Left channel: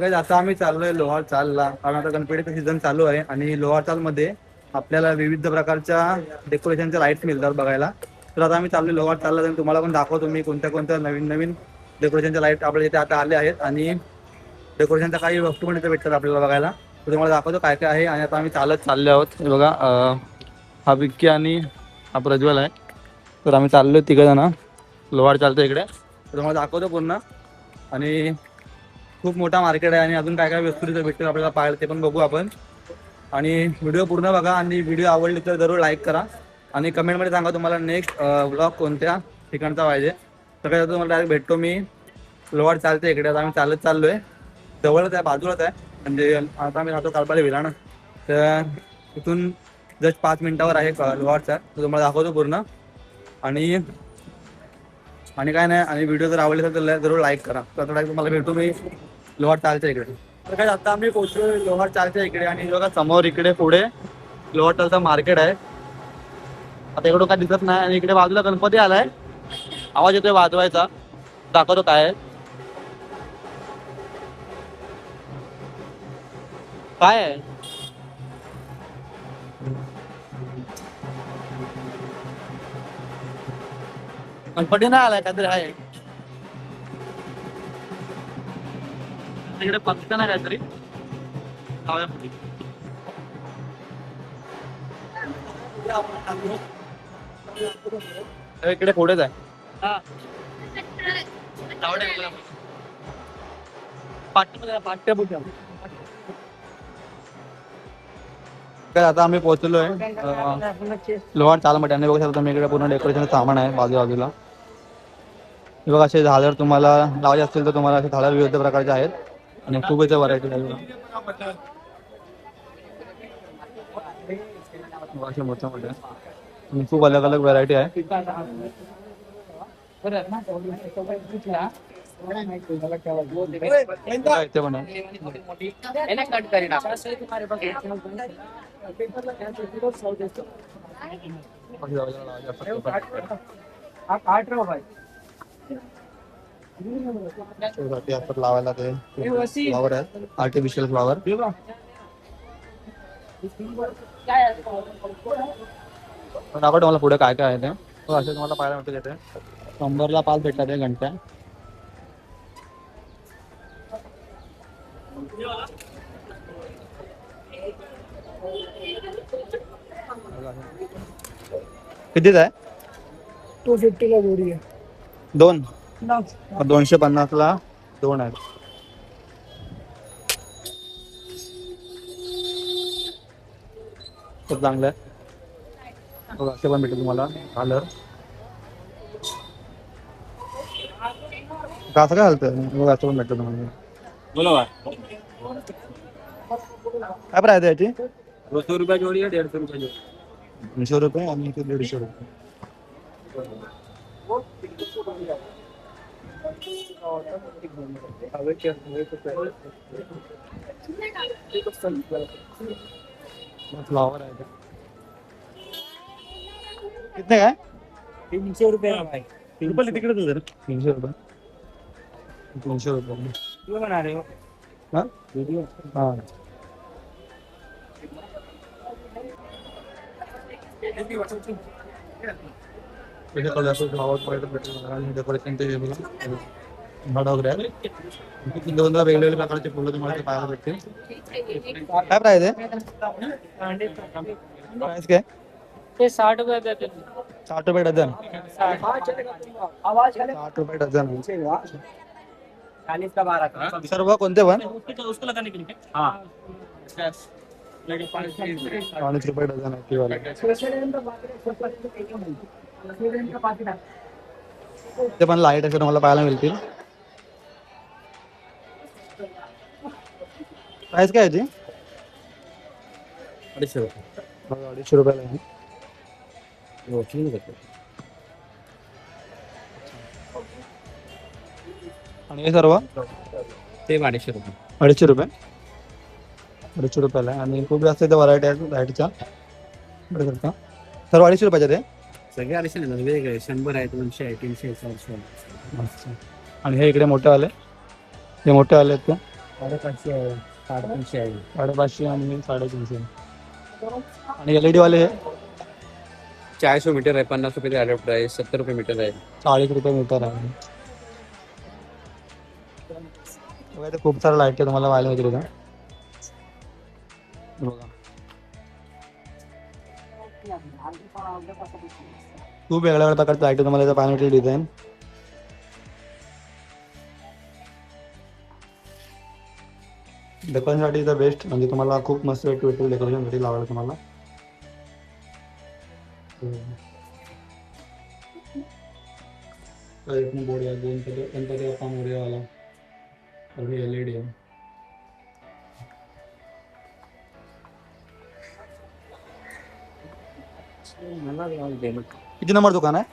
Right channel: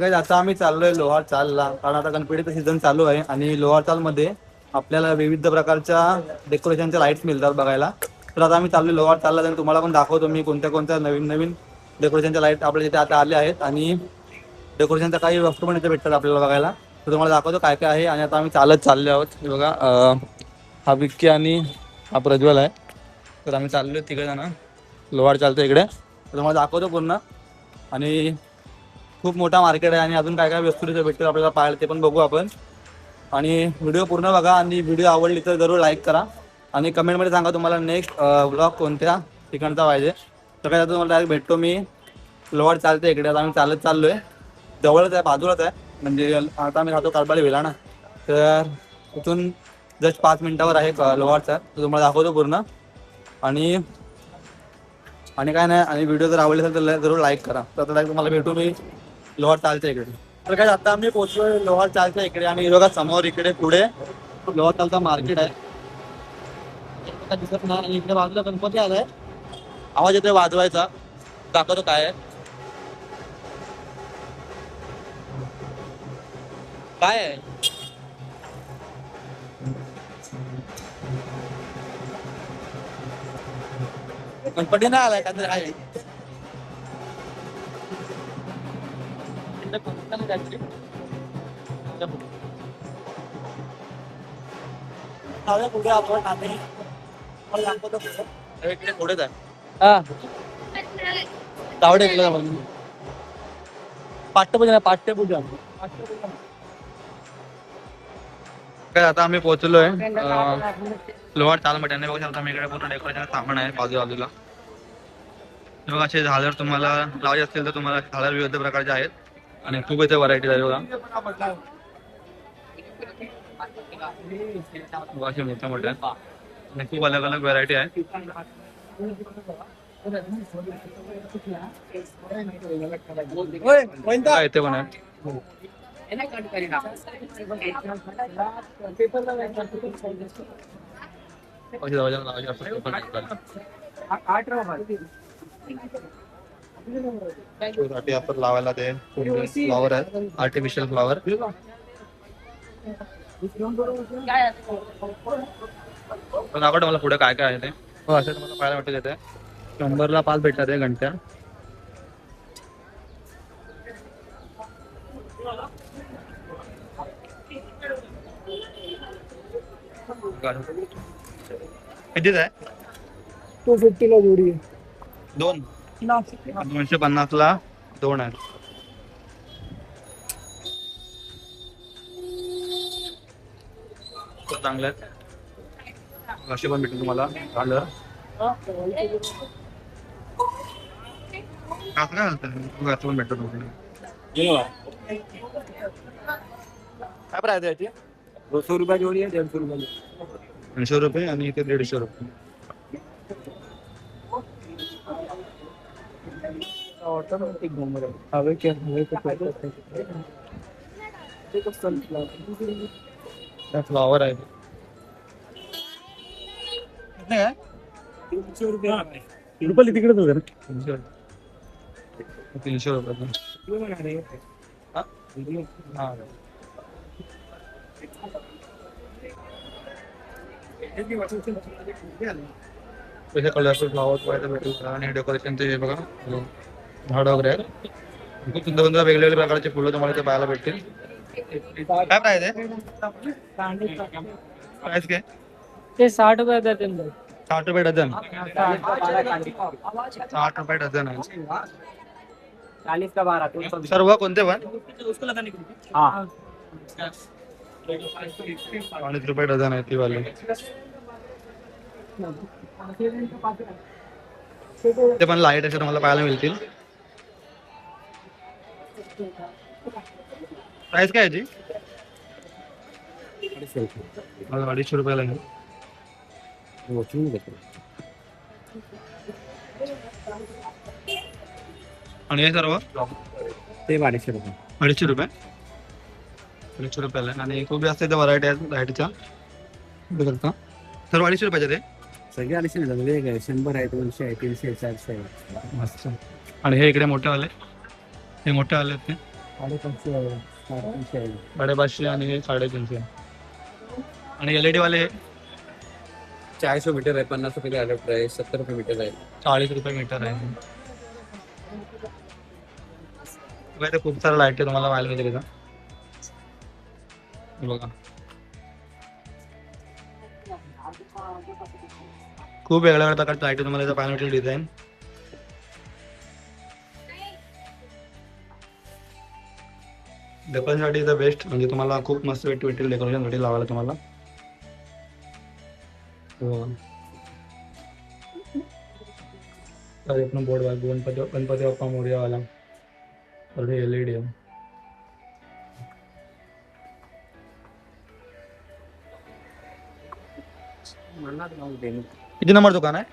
काही आता आम्ही चाललोय लोहार चालला, कारण आता गणपतीचा सीझन चालू आहे आणि लोहार चालमध्ये आपल्याला विविध प्रकारच्या डेकोरेशनच्या लाईट्स मिळतात बघायला. तर आता आम्ही चाललोय लोहार चालला आणि तुम्हाला पण दाखवतो मी कोणत्या कोणत्या नवीन नवीन डेकोरेशनच्या लाईट आपल्या इथे आता आले आहेत आणि डेकोरेशनच्या काही वस्तू पण इथे भेटतात आपल्याला बघायला. तर तुम्हाला दाखवतो काय काय आहे. आणि आता आम्ही चालत चाललो आहोत. हे बघा हा विक्की आणि हा प्रज्वल आहे. तर आम्ही चाललोय तिघं जण लोहार चालतो इकडे. तर तुम्हाला दाखवतो पूर्ण. आणि खूप मोठा मार्केट आहे आणि अजून काय काय वस्तू तिथे भेटतात आपल्याला पाहायला, ते पण बघू आपण. आणि व्हिडिओ पूर्ण बघा आणि व्हिडिओ आवडली तर जरूर लाईक करा आणि कमेंटमध्ये सांगा तुम्हाला नेक्स्ट ब्लॉग कोणत्या ठिकाणचा पाहिजे. तर काय तुम्हाला डायरेक्ट भेटतो मी लोहार चालते इकडे. आता आम्ही चालत चाललोय, जवळच आहे, बाजूलाच आहे. म्हणजे आता आम्ही राहतो कारबारी वेला ना, तर इथून जस्ट 5 मिनिटावर आहे लोहारचा. तर तुम्हाला दाखवतो पूर्ण. आणि काय नाही, आणि व्हिडिओ जर आवडले तर जरूर लाईक करा. तर आता तुम्हाला भेटू मी लोहार चालच्या इकडे. तर काय आता आम्ही पोहोचलोय लोहार चालच्या इकडे आणि बघा समोर इकडे पुढे लोहार चालचा मार्केट आहे. आता इकडं काय दिसत नाही आणि इकडे बाजूला गणपती आलाय, आवाज येतोय वाजवायचा. दाखवतो काय आहे. काय आहे गणपती नाही आलाय, काहीतरी आहे इकडे. पत्ता नाही काहीतरी पुढे आपण आणि इकडे पुढेच आहे. हा तावडे पाठ्यपूजन आहे, पाठ्यपूजन. काय आता आम्ही पोहोचलोय लोहार चालमध्ये आणि बघू शकता तुम्ही इकडे पूर्ण डेकोरेशन सामान आहे बाजूला. बघा असे झाडर तुम्हाला लावायचे असतील तर तुम्हाला असे झाडर विविध प्रकारचे आहेत आणि खूप इथे व्हरायटी आहे बघा. असे मोठे मोठे आणि खूप अलग अलग व्हरायटी आहे. इथे पण आहे. लावायला ते फ्लॉवर आहेत, आर्टिफिशियल फ्लॉवर. पण आवडतं मला पुढे काय काय आहे ते. असे तुम्हाला पाहायला भेटत येते. 100ला 5 भेटतात ते घंट्या. कितीच आहे? 250ला जोडी आहे. 2 250ला 2 आहेत. खूप चांगले आहेत. असे पण भेटेल तुम्हाला कलर. कसं काय घालतं बघा, असं पण भेटतं तुम्हाला. काय प्राइस आहे याची? 200 रुपये जोडी आहे, 150 रुपये जोडी. 200 रुपये आणि इथे 150 रुपये. फ्लॉवर आहे. कितने काय? 300 रुपये. रुपये तिकडेच होते ना. 300 रुपये. 300 रुपये. व्हिडिओ बना रहे हो? हाँ वीडियो. हाँ. इथे कलरफुल फ्लॉवर्स पाहायला भेटतील आणि डेकोरेशनचे हे बघा झाड वगैरे आहेत. खूप सुंदर सुंदर वेगवेगळ्या प्रकारचे फुलं तुम्हाला इथे पाहायला भेटतील. काय प्राइस आहे? प्राइस काय? ते 60 रुपये डझन. 60 रुपये डझन. 60 रुपये डझन आहे. 40 का 12. सर्व कोणते पण? हाँ 40 रुपये डझन आहे ती वाले. ते पण लाईट असे तुम्हाला पाहायला मिळतील. प्राइस काय याची? 250 रुपये. मला 250 रुपयाला आहे. आणि हे सर्व ते 250 रुपये. 250 रुपये. 250 रुपयाला आहे आणि खूप जास्त इथे व्हरायटी आहेत लाईटच्या. सर्व 250 रुपयाचे ते. सगळे 250 वेगळे 100 आहे, 200 आहे, 300 आहे, 400 आहे. मस्त. आणि हे इकडे मोठे आले, हे मोठे आले आहेत ते 550 आहे, 350 आहे. 550 आणि हे 350. आणि LED वाले 400 मीटर आहे, 50 रुपये अडॅप्टर आहे, 70 रुपये मीटर आहे. 40 रुपये मीटर आहे. बघा इथे खूप साऱ्या लाईट तुम्हाला पाहायला मिळतील इथं. बघा खूप वेगळ्या वेगळ्या प्रकारच्या लाईट तुम्हाला इथं पाहायला मिळतील. डिझाईन डेकोरेशनसाठी इथं बेस्ट, म्हणजे तुम्हाला खूप मस्त भेटेल डेकोरेशनसाठी लावायला तुम्हाला. बोर्ड गणपती बाप्पा मोरयावाला LED आहे. किती नंबर दुकान आहे?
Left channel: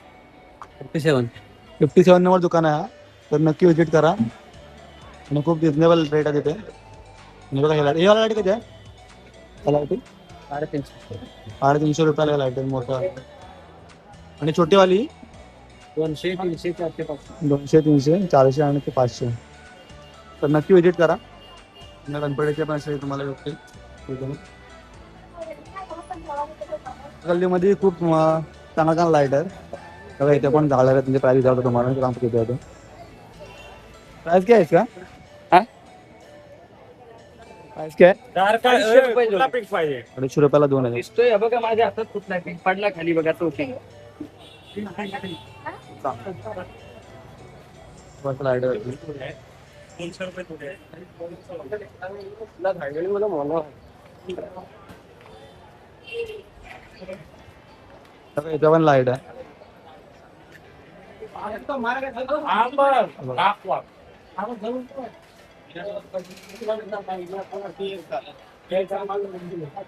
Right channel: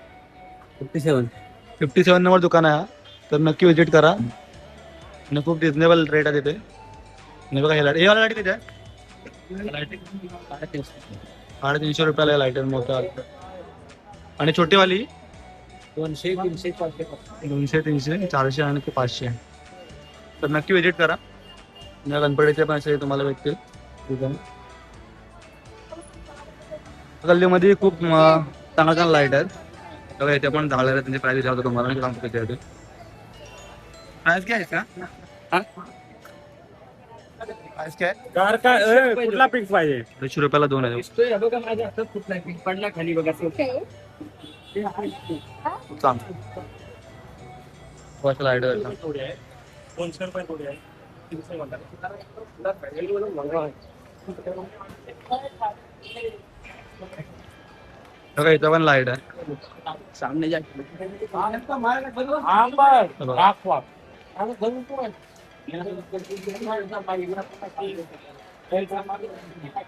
57 नंबर दुकान आहे हा. तर नक्की विजिट करा आणि खूप रिजनेबल रेट आहे तिथे. आणि बघा हे वाला लाईट किती आहे? लाईट 350 रुपयाला लाईट आहे मोठा. आणि छोटीवाली 200, 300, 400, 200, 300, 400 आणि ते 500. तर नक्की विजिट करा. या गणपतीचे पण असे तुम्हाला भेटतील. गल्लीमध्ये खूप चांगल्या चांगल्या लाईट आहेत. बघा इथे पण झाडं आहेत, त्यांचे प्राईस विचारतो तुम्हाला मी सांगतो किती आहे ते. प्राईस काय आहे का? प्राईस काय? 250 रुपयाला 2 आहे. दिसतोय बघा माझ्या हातात कुठला पीक पडला खाली बघा तो. खूप चांगलं लाईट आहे. 200 रुपये थोडे आहे. बघा इथं पण लाईट आहे. सामने जा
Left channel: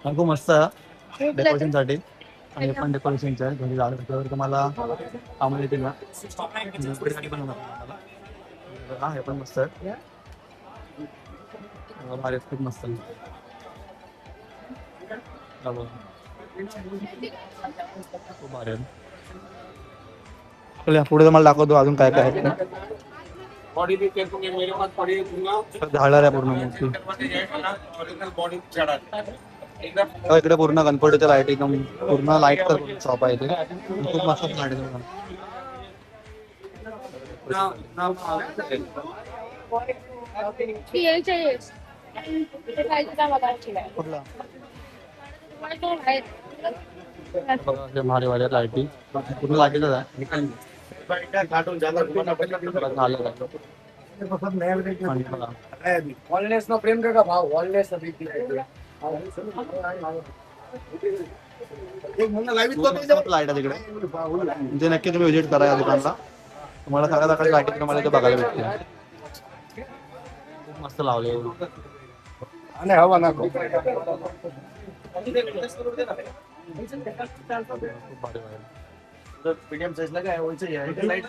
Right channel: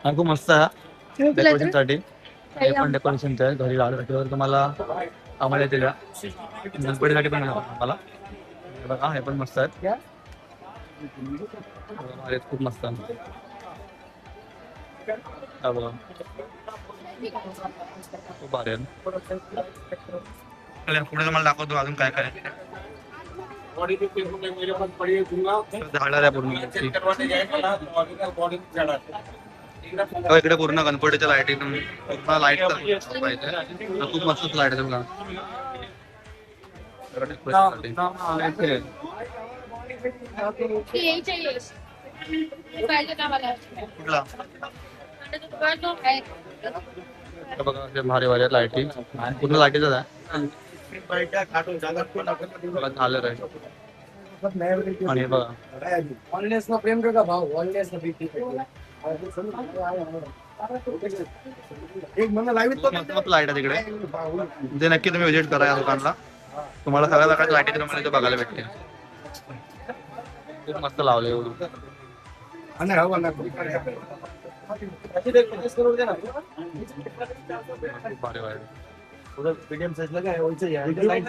हा खूप मस्त आहे डेकोरेशन साठी. आणि हे पण डेकोरेशनचं आहे, घरी लावल्यावर तुम्हाला कामाला येतील. गणपतीसाठी पण आम्हाला बघा हे पण मस्त आहेत. भारी आहेत, खूप मस्त आहे. बघा खूप भारी आहेत. चला पुढे तुम्हाला दाखवतो अजून काय काय आहे. झाडं आहे पूर्ण मोठी. इकडे पूर्ण गणपतीच्या लाईट एकदम पूर्ण लाईट तर शॉप आहे इथे. खूप मस्त लाईट आहे बघा. कुठला बघा असे भारी भारी लाईटी पूर्ण लाईटीच आहे. झालं आहे. आणि बघा वॉलनेस ना प्रेम का भाव वॉलनेस अभी लाईट आहे तिकडे. म्हणजे नक्की तुम्ही विजिट करा या दुकानला. तुम्हाला सगळ्या प्रकारच्या लाईटी तुम्हाला इथे बघायला भेटतील. खूप मस्त लावले. खूप भारी भारी मीडियम साइज लगा है वैसे है लाइट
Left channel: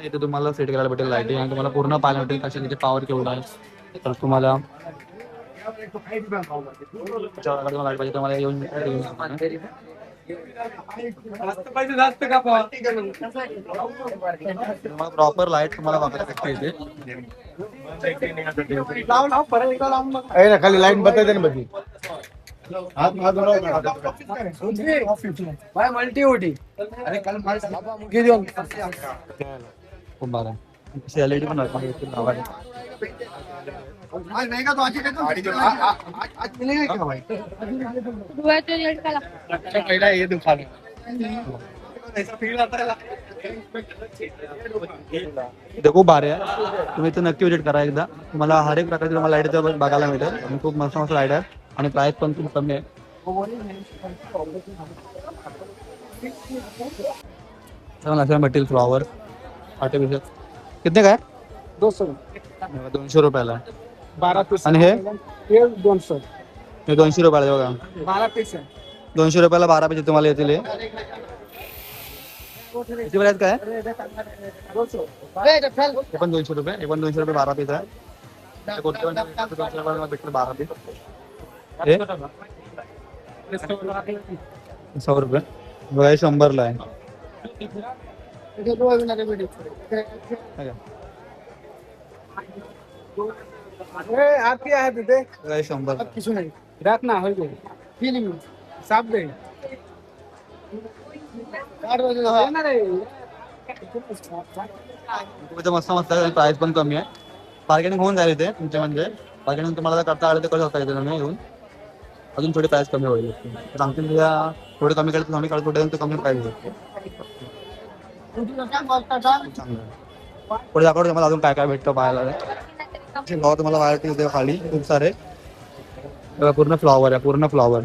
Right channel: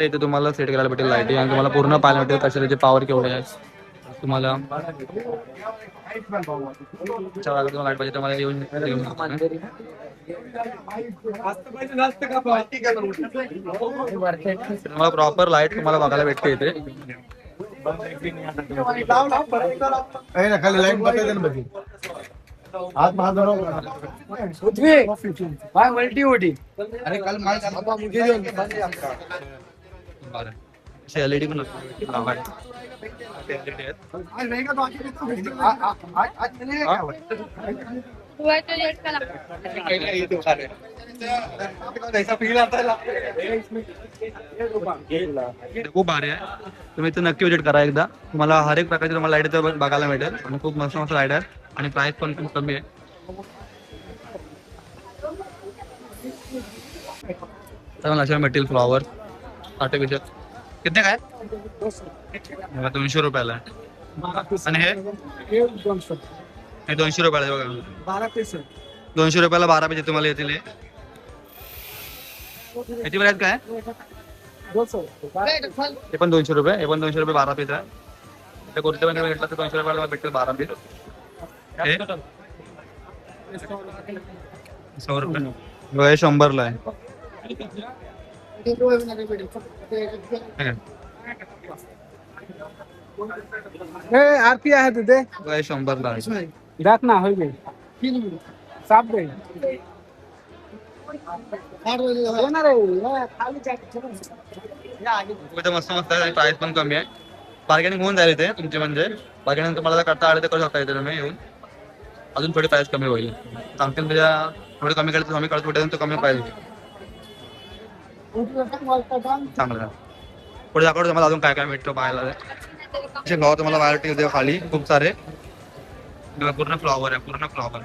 इथे तुम्हाला सेट करायला भेटेल लाईटी आणि तुम्हाला पूर्ण पाहायला भेटेल कसे त्याचे पॉवर केवढे आहे. तर तुम्हाला लाईट पाहिजे तुम्हाला येऊन तुम्हाला प्रॉपर लाईट तुम्हाला बघायला भेटते इथे. खाली लाईट बघायचं ना बघी मल्टी उडी खूप बरं आहे. LED पण लावायला खूप भारी आहे. तुम्ही इथं नक्की विजिट करा एकदा. तुम्हाला हर एक प्रकारची तुम्हाला लाईट इथं बघायला मिळेल आणि खूप मस्त मस्त लाईट आहेत आणि प्राइस पण खूप कमी आहे. अशा भेटेल फ्लॉवर आर्टिफिशियल. कितने काय? 200 रुपयाला आहे. 12 पीस आणि हे 200 200 रुपयाला आहे बघा. 12 पीस 200 रुपयाला 12 पीस तुम्हाला येतील. याची प्राइस काय आहे? हे पण 200 रुपये, हे पण 200 रुपये 12 पीस आहे. ते कुर्ते पण तुम्ही घेतलं तर 200 रुपयाला भेटेल 12 पीस. हे 100 रुपये बघा, हे 100ला आहे. ठीक आहे. आरती आहे तिथे बघा, हे 100ला आहे. रात ना हो साफ दे इथे मस्त मस्त आहे आणि प्राइस पण कमी आहे. बार्गेनिंग होऊन जाईल इथे तुमचे, म्हणजे बार्गेनिंग तुम्हाला जर करता आलं तर करू शकता इथे तुम्ही येऊन. अजून थोडी प्राइस कमी होईल. सांगतील तुझ्या थोडे कमी केलं तर कमी काढतो, थोडे कमी प्राइस होईल. चांगलं आहे. पुढे दाखवतो तुम्हाला अजून काय काय भेटतं पाहायला. गाव तुम्हाला व्हायला होते खाली खूप सारे. पूर्ण फ्लॉवर आहे, पूर्ण फ्लॉवर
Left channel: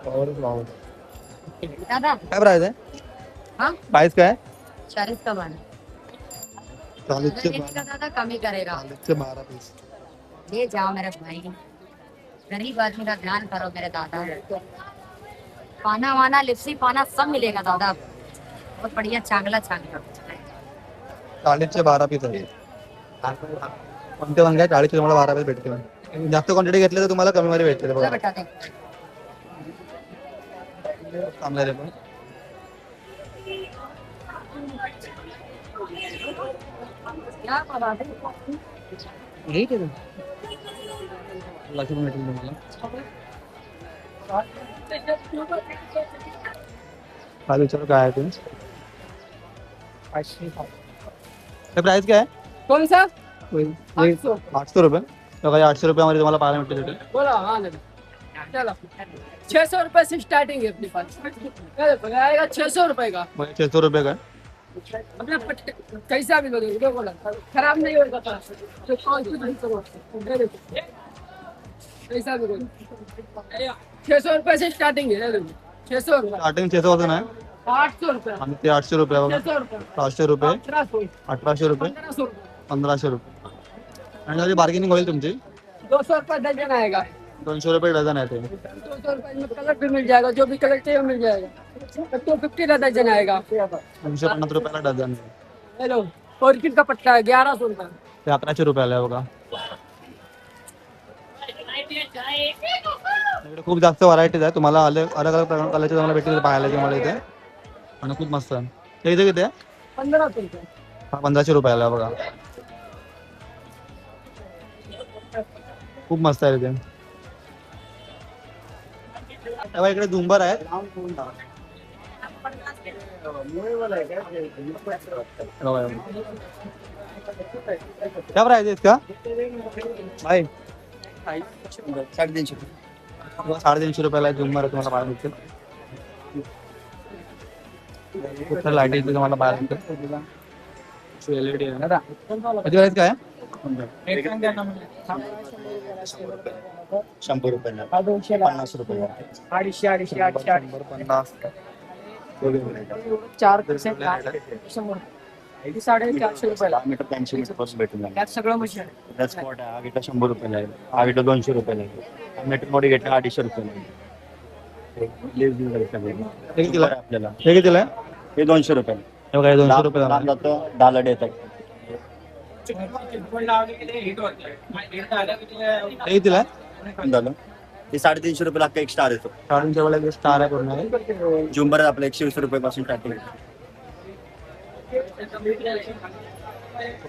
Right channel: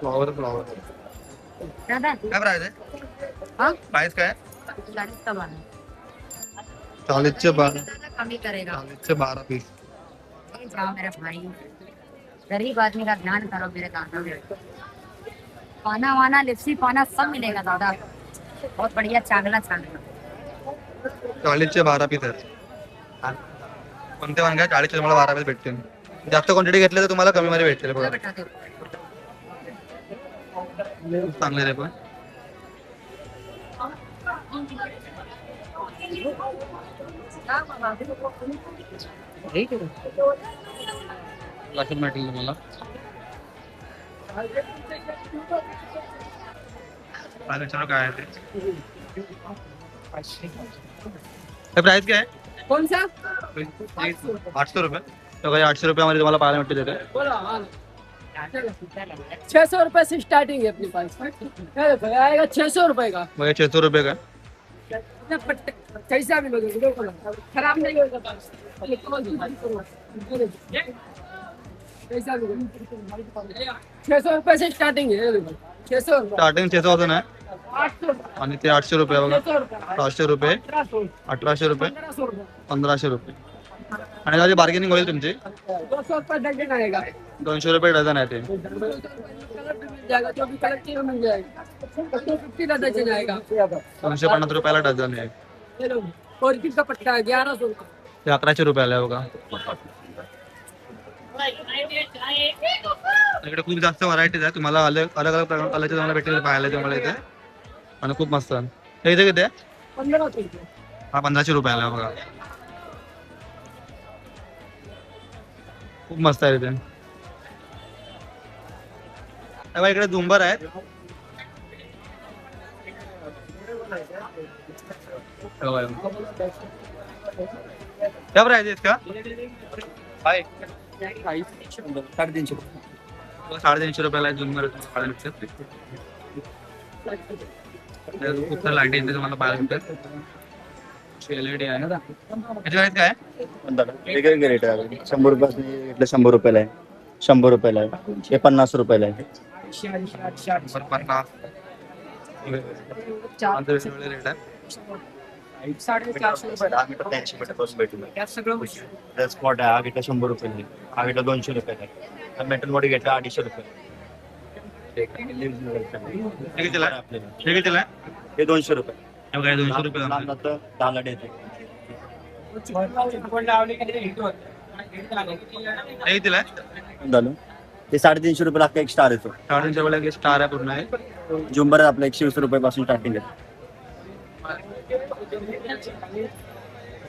फ्लॉवर फ्लॉवर. दादा काय प्राइस आहे? हाँ प्राइस काय आहे? 40 का बना 40 दादा कमी करेगा 12 पीस. ले जाओ मेरे भाई, गरीब आदमी का ध्यान करो मेरे दादा. पाना वाना लिप्सी पाना सब मिलेगा दादा, बहुत बढ़िया चांगला चांगला. 40 12 पीस आहेत. कोणते पण काय 40 तुम्हाला 12 पीस भेटतील. जास्त क्वांटिटी घेतली तर तुम्हाला कमी मध्ये भेटतील. बघा बता दे चांगले रे पण. लक्षात भेटेल तुम्हाला. काय विचारू काय आहे ते. प्राइस काय आहे? कौन सा 800 रुपये. बघा 800 रुपयामध्ये तुम्हाला पाहायला मिळते तिथे. बोला हाँ चलो 600 रुपए से स्टार्टिंग है अपने पास. आएगा 600 रुपए का. बघा 600 रुपये काय. अपना कैसा भी लगेगा देखो ना, खराब नहीं होगा. अबे कौन सी नहीं करो कैसा भी लगेगा. 600 रुपए से स्टार्टिंग है 600 रुपए. स्टार्टिंग 600 पासून आहे 800 रुपए आणि ते 800 रुपये बघा. 600 रुपए 700 रुपये 1800 1800 रुपये 1500 रुपए 1500 रुपये. आणि त्याची बार्गेनिंग होईल तुमची. 200 रुपए दर्जन आएगा. 200 रुपये डझन आहे ते. 200 रुपए में कलर भी मिल जाएगा, जो भी कलर चाहिए मिल जाएगा. 250 का दर्जन आएगा. 250 रुपयाला डझन आहे. हेलो ऑर्किड का पट्टा है 1100 रुपए. ते 1100 रुपयाला आहे बघा. इकडे खूप जास्त व्हरायटीज आहे. तुम्हाला अलग अलग कलरचे तुम्हाला भेटतील पाहायला तुम्हाला इथे. आणि खूप मस्त आहे. हे इथे किती आहे? 1500 रुपए. हा 1500 रुपयाला आहे बघा. खूप मस्त आहे इथे. तेव्हा इकडे झुंबर आहेत. क्या प्राइस है इसका भाई? 350. 350 रुपयाला झुंबर आहे तुम्हाला पाहायला मिळते. खूप साऱ्या लाईटी इथे तुम्हाला पाहायला मिळते. एलईडी आहे. याची प्राइस काय आहे? 100 रुपये 100 रुपयाला आहे. 100 रुपयाला आहे. हे 50 रुपयाला आहे. 250 50 400 रुपये. 10 मीटर 80 मीटर पासून भेटून यात सगळं मशीन. जाईल. स्पॉट आहे. हा घेतला 100 रुपयाला आहे. हा घेतला 200 रुपयाला आहे. हा मीटर मोठी घेतला 250 रुपयाला आहे. हे कितीला आहे? आपल्याला हे कितीला आहे? हे 200 रुपयाला. हे बघा, हे 200 रुपये लांब जातं, डालड येतात. हे कितीला आहे? झालं हे 350 रुपये लागतं. एक स्टार येतो. 350 रुपयाला स्टार आहे पूर्ण आहे. जुंबर आपलं 120 रुपये पासून स्टार्टिंग आहे.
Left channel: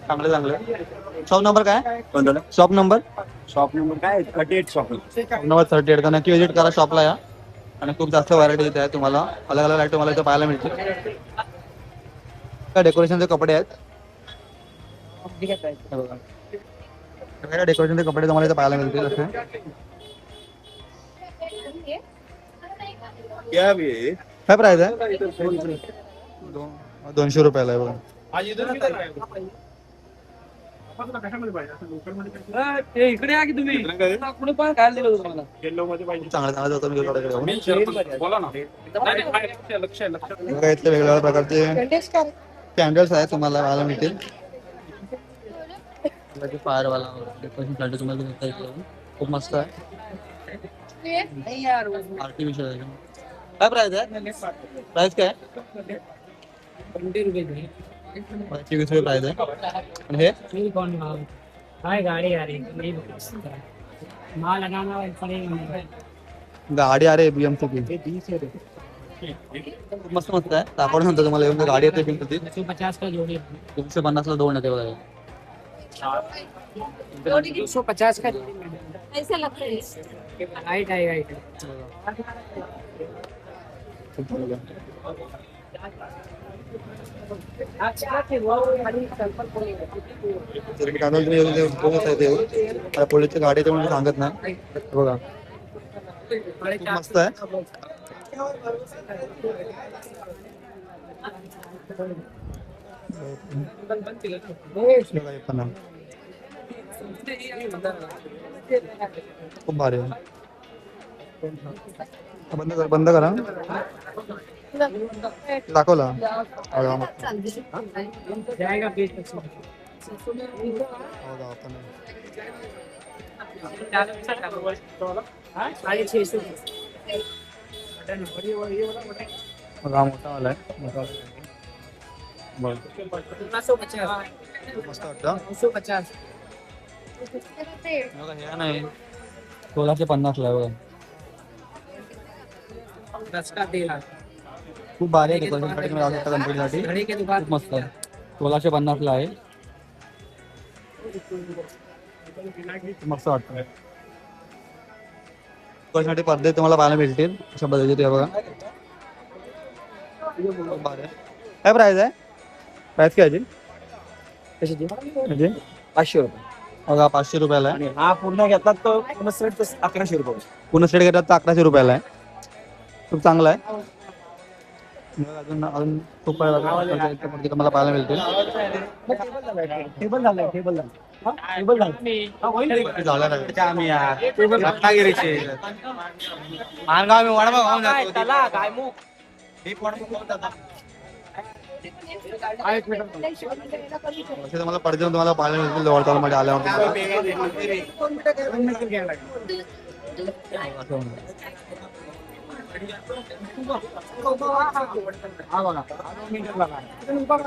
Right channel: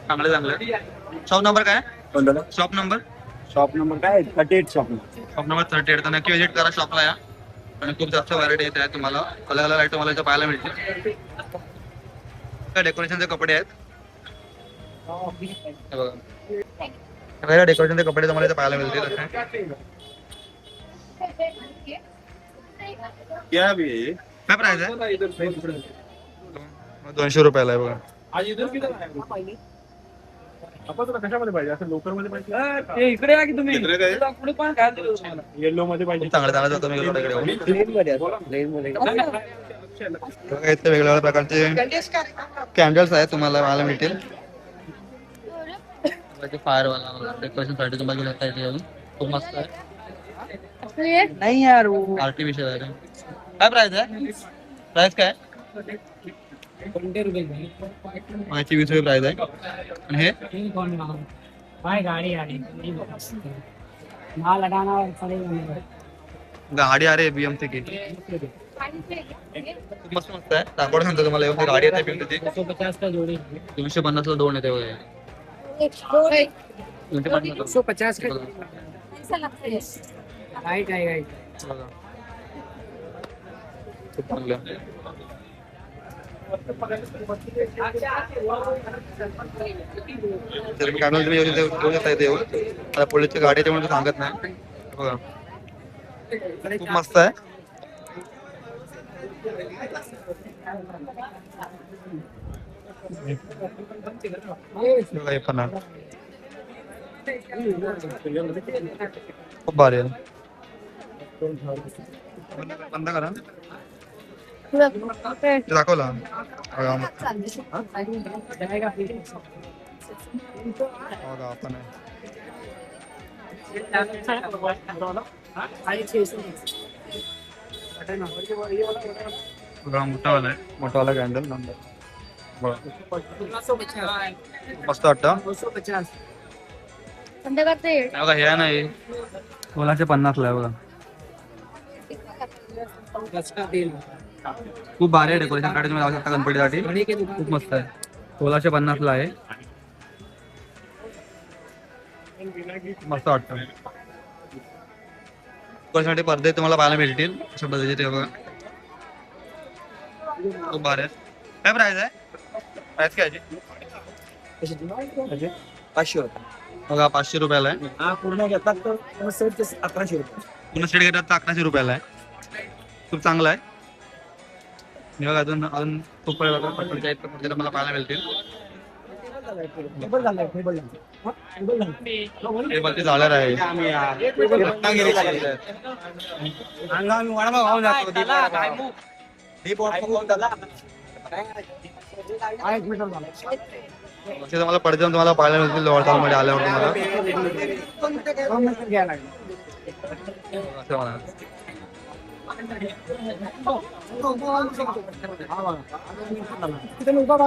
चांगले चांगले. शॉप नंबर काय? कोण झालं? शॉप नंबर शॉप नंबर काय 38 शॉप नंबर. Shop number 38. तर नक्की विजिट करा शॉपला या. आणि खूप जास्त व्हरायटी इथे आहे. तुम्हाला अलग अलग लाईट तुम्हाला इथे पाहायला मिळतील. डेकोरेशनचे कपडे आहेत. हे बघा, सगळ्या डेकोरेशनचे कपडे तुम्हाला इथे पाहायला मिळतील. असे काय प्राइस आहे? 200 रुपयाला आहे बघा. इकडे या की तुम्ही पुढे पण खायला दिलं तुम्हाला. खूप चांगले चांगले जातो मी इकडे येऊन. लक्ष बघा इथे वेगवेगळ्या प्रकारचे कॅन्डल्स आहेत तुम्हाला पाहायला मिळतील. फायरवाला डेकोरेशन साठी तुम्हाला घेऊन येता येईल. खूप मस्त आहे. नहीं यार वो आर्टिफिशियल आहे. काय प्राइस आहे? प्राइस काय? 20 रुपये माझी 20 रुपये प्राइस आहे. आणि हे भाई गाड़ी आ रही नहीं माल हटाना पड़ेगा. गाडी अरे BMC की खूप मस्त मस्त आहे. दाखवून सांगतो तुम्हाला येऊन गाडी येते BMC ची 250 का जोड़ी 250 ला 2 येते बघा. 250 का ऐसा लगता है हाइट आएगा. बघा. खूप चांगलं. जर मी काढून तुम्ही येऊन घेऊन येता येते येऊन. आता पोलीसची गाडी येते म्हणून सांगत नाही. हे बघा खूप मस्त आहे. बघा हे पण आहे. खूप भारी आहे. बंद करा दाखवला. बघा मग. जाएगा 20%. बघा आपण आहे. 650. बघा मोठावाला आहे. मोठावाला कॅन्डल बघा 250. मस्त वाटतं. 250. बघा हे नाही 1650 ला आहे बघा. 10 का देना. खूप भारी आहे डेकोरेशन साठी तुम्ही जाऊ शकता गणपतीसाठी. घड़ी की दुकान खूप मस्त आहे. 1650 ला आहे. मस्त वाटतं. डेकोरेशनसाठी पडदे तुम्हाला पाहायला मिळतील अशा पद्धतीचे. ते बघा खूप भारी आहे. काय प्राइस आहे? प्राइस काय आहे? 500 रुपये. बघा 500 रुपयाला आहे. हा पूर्ण घेतलात तो पूर्ण सेट 1100 रुपये. पूर्ण सेट घेतात तर 1100 रुपयाला आहे. खूप चांगला आहे. हे बघा अजून अजून खूप प्रकारच्या इतक्या पद्धती तुम्हाला पाहायला मिळतील. टेबल झालाय टेबल टेबल टेबलची झाडर आहे. मानगाव मी वडापाव खाऊन जातो. असे तुम्हाला पडदे तुम्हाला पाहायला मिळतील लोअर मध्ये आल्यावर तुम्हाला. असं म्हणा.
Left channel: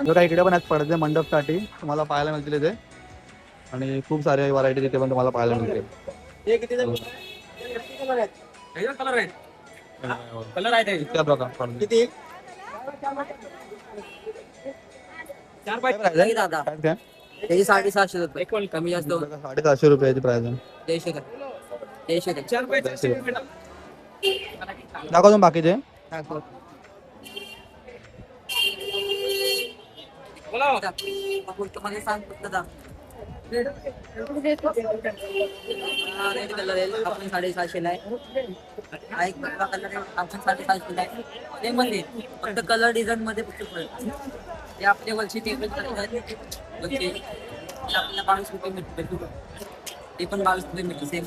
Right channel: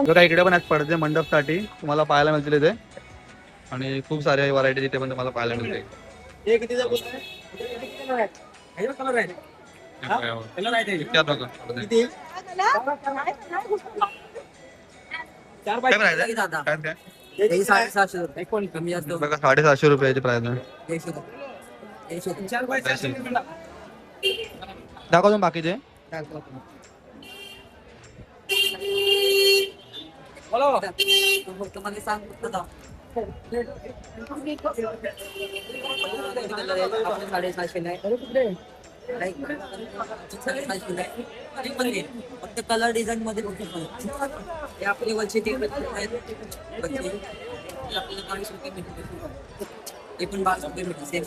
बघा इकडे पण आहेत पडदे मंडपसाठी तुम्हाला पाहायला मिळतील इथे. आणि खूप सारे व्हरायटी इथे पण तुम्हाला पाहायला मिळते. इतक्यात बघा पडदे. काय price आहे? काय काय? 750 रुपये. कमी जास्त बघा 750 रुपयाची प्राइस आहे. 150. दाखव तुम्ही बाकीचे. तुम्हाला सांग रेड कलर आहे आपण 750 ला आहे. हा एक कलर आहे आपण 750 ला आहे. ते म्हणजे फक्त कलर डिझाईन मध्ये फक्त फरक. हे आपले वरचे टेबल आहेत वरचे आपल्याला 22 रुपये मिळतील. ते पण 22 रुपये मिळतील सेम.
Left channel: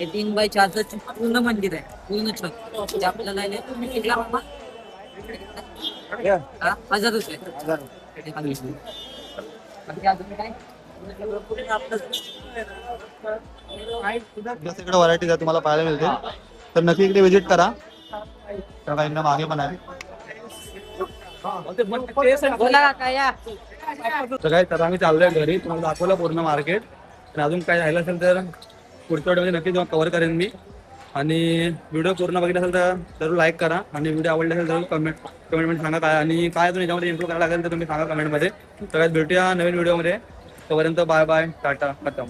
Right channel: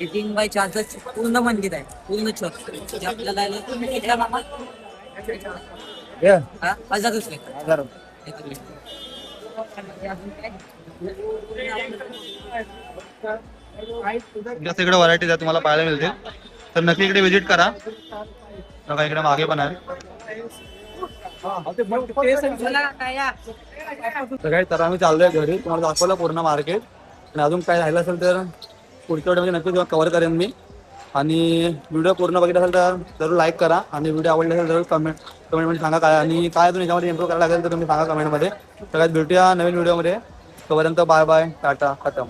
हे 3x4 पूर्ण मंदिर आहे पूर्ण छत. ते आपल्याला आले कितीला मामा? 1000 रुपये. अजून काय जास्त इकडे व्हरायटीज आहे तुम्हाला पाहायला मिळतील तर नक्की इकडे व्हिजिट करा. तर इकडे मागे पण आहे. तर काय तर आम्ही चाललोय घरी. तुम्हाला दाखवलं पूर्ण मार्केट. आणि अजून काय राहिलं असेल तर पुढच्या व्हिडिओमध्ये नक्की कव्हर करेन मी. आणि व्हिडिओ पूर्ण बघितला असेल तर जरूर लाईक करा. आणि व्हिडिओ आवडला असेल जरूर कमेंटमध्ये सांगा काय आणि काय अजून याच्यामध्ये इम्प्रूव्ह करायला लागेल तर तुम्ही सांगा कमेंटमध्ये. तर काय भेटूया नवीन व्हिडिओमध्ये. तोपर्यंत बाय बाय टाटा खतम.